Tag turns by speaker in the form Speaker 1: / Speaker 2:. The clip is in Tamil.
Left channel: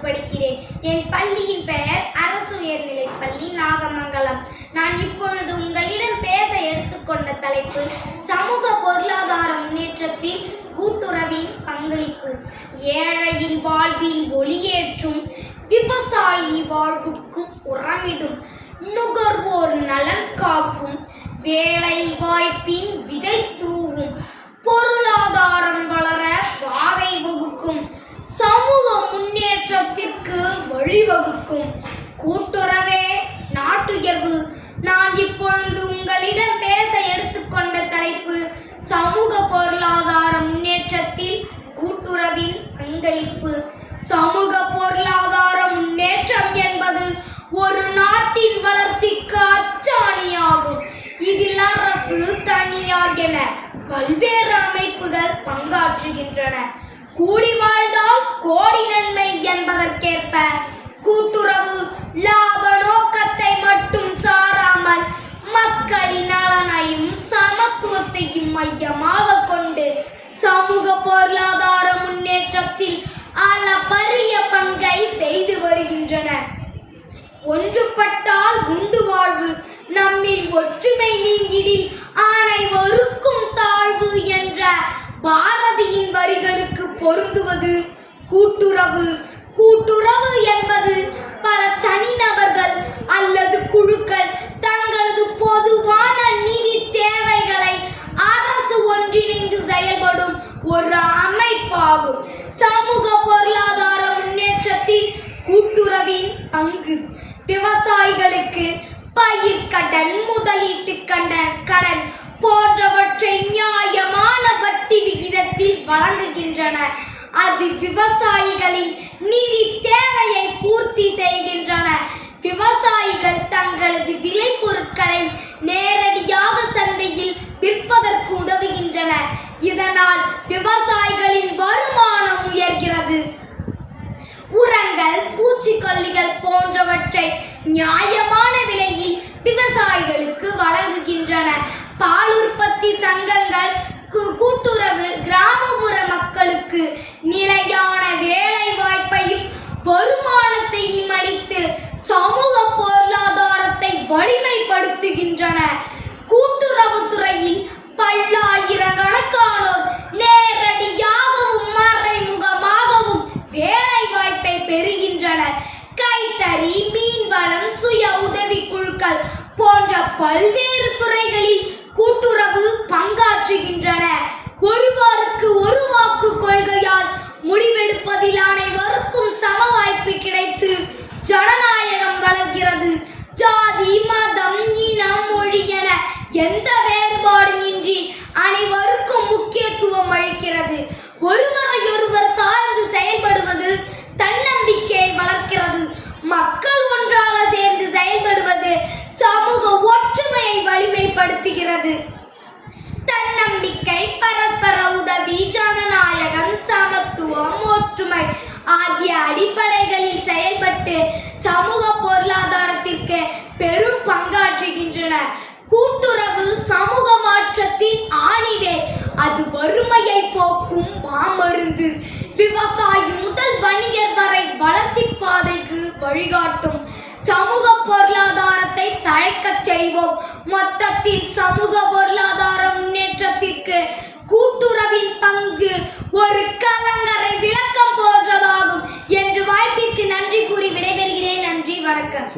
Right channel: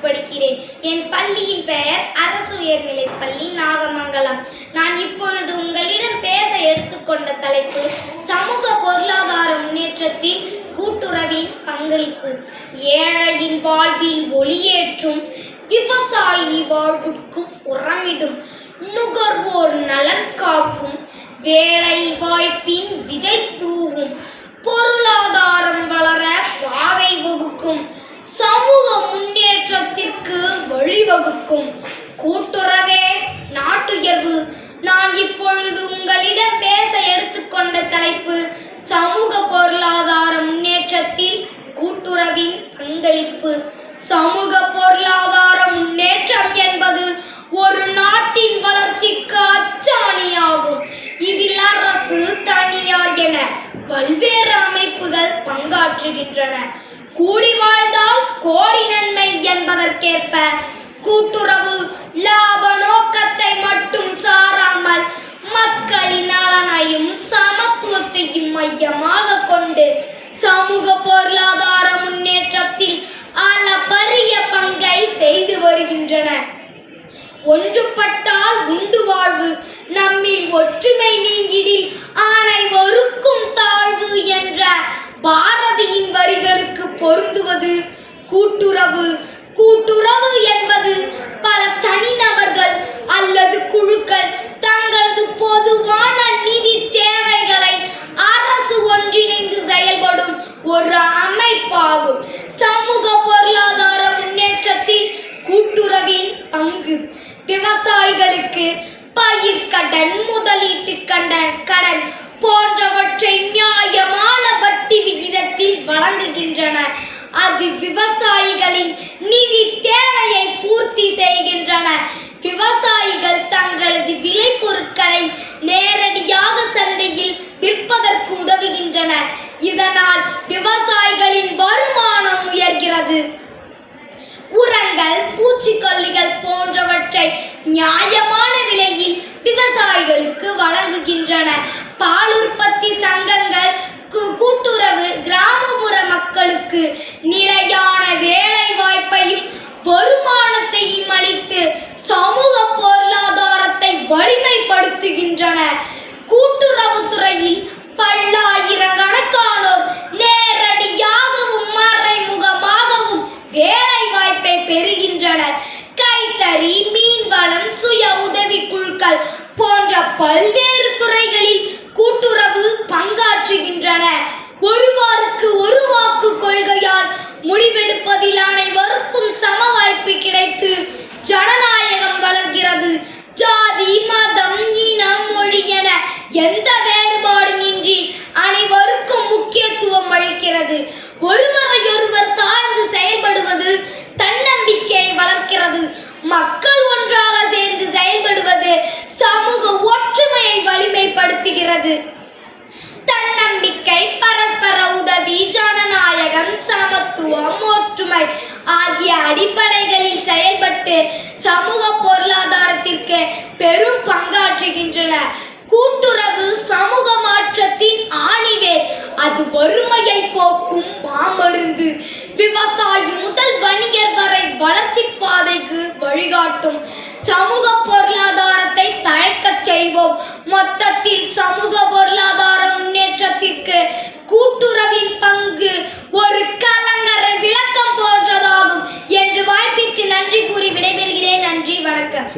Speaker 1: பள்ளியின் பெயர் அரசு உயர்நிலைப் பள்ளி நாகமங்கலம். நான் இப்பொழுது உங்களிடம் பேச எடுத்துக்கொண்ட தலைப்பு சமூக பொருளாதார முன்னேற்றத்தில் கூட்டுறவின் பங்களிப்பு. ஏழையின் வாழ்வில் ஒளியேற்றும் விவசாயி வாழ்வுக்கும் உரமிடும். நுகர்வோர் நலன் காக்கும் வேலை வாய்ப்பின் விதை வழிவகுக்கும். கூட்டுறவே நாட்டுயர்வு. நான் இப்பொழுது உங்களிடம் பேச எடுத்துக்கொண்ட தலைப்பு சமூக பொருளாதார முன்னேற்றத்தில் கூட்டுறவின் பங்களிப்பு. சமூக பொருளாதார முன்னேற்றம் என்பது ஒரு நாட்டின் வளர்ச்சிக்கு அச்சாணியாகும். இதில் அரசு தனியார் என பல்வேறு அமைப்புகள் பங்காற்றுகின்றன. கூடி வாழ்ந்தால் கோடி நன்மை என்பதற்கேற்ப மையமாக கொண்டு சமூக பொருளாதார முன்னேற்றத்தில் அளப்பரிய பங்கை செய்து வருகின்றன. ஒன்றுபட்டால் உண்டு வாழ்வு நம்மில் ஒற்றுமை நீங்கிடில் அனைவருக்கும் தாழ்வு என்ற பாரதியின் வரிகளுக்கு பொருந்துவது கூட்டுறவு. கூட்டுறவு என்பது பல தனிநபர்கள் அல்லது குழுக்கள் தங்களது பொதுவான நிதி தேவைகளை அரசு ஒன்றிணைந்து செயல்படும் ஒரு அமைப்பாகும் சமூக பொருளாதார முன்னேற்றத்தில் கூட்டுறவின் பங்கு விவசாயிகளுக்கு பயிர் கடன் முதலீட்டு கடன் கடன் போன்றவற்றை நியாயமான வட்டி விகிதத்தில் வழங்குகின்றன அது விவசாயிகளின் நிதி தேவையை பூர்த்தி செய்கின்றன விவசாயிகள் தங்களது விளைபொருட்களை நேரடியாக சந்தையில் விற்பதற்கு உதவுகின்றன இதனால் விவசாயிகளின் வருமானம் உயர்கிறது. உரங்கள் பூச்சிக்கொல்லிகள் போன்றவற்றை நியாயமான விலையில் விவசாயிகளுக்கு வழங்க வலிமைப்படுத்துகின்றன. கூட்டுறவுத்துறையில் பல்லாயிரக்கணக்கானோர் நேரடியாகவும் மறைமுகமாகவும் வேலை வாய்ப்பை பெறுகின்றனர். கைத்தறி மீன்வளம் சுய உதவி குழுக்கள் போன்ற பல்வேறு அளிக்கிறது ஒருவரையொருவர் சார்ந்து செயல்படுவது தன்னம்பிக்கையை வளர்க்கிறது. மக்கள் ஒன்றாக சேர்ந்து செயல்படுவது சமூக ஒற்றுமையை வலிமைப்படுத்துகிறது. தன்னம்பிக்கை பரஸ்பர உதவி ஜனநாயகம் சமத்துவம் ஒற்றுமை ஆகிய அடிப்படைகளில் செயல்பட்டு சமூக பொருளாதாரத்திற்கு பெரும் பங்காற்றுகின்றன. கூட்டுறவு சமூக மாற்றத்தின் ஆணிவேர் அது வறுமையை போக்கும் மாமருந்து. விவசாயி முதல் வணிகர் வரை வளர்ச்சி பாதைக்கு வழிகாட்டும். சமூக பொருளாதாரத்தை தழைக்கச் செய்வோம். மொத்தத்தில் சமூக பொருளாதார முன்னேற்றத்திற்கு கூட்டுறவின் பங்கு ஒரு கலங்கரை விளக்கம் போன்றதாகும். என்று வாய்ப்பிற்கு நன்றி கூறி விடைபெறுகிறேன். நன்றி வணக்கம்.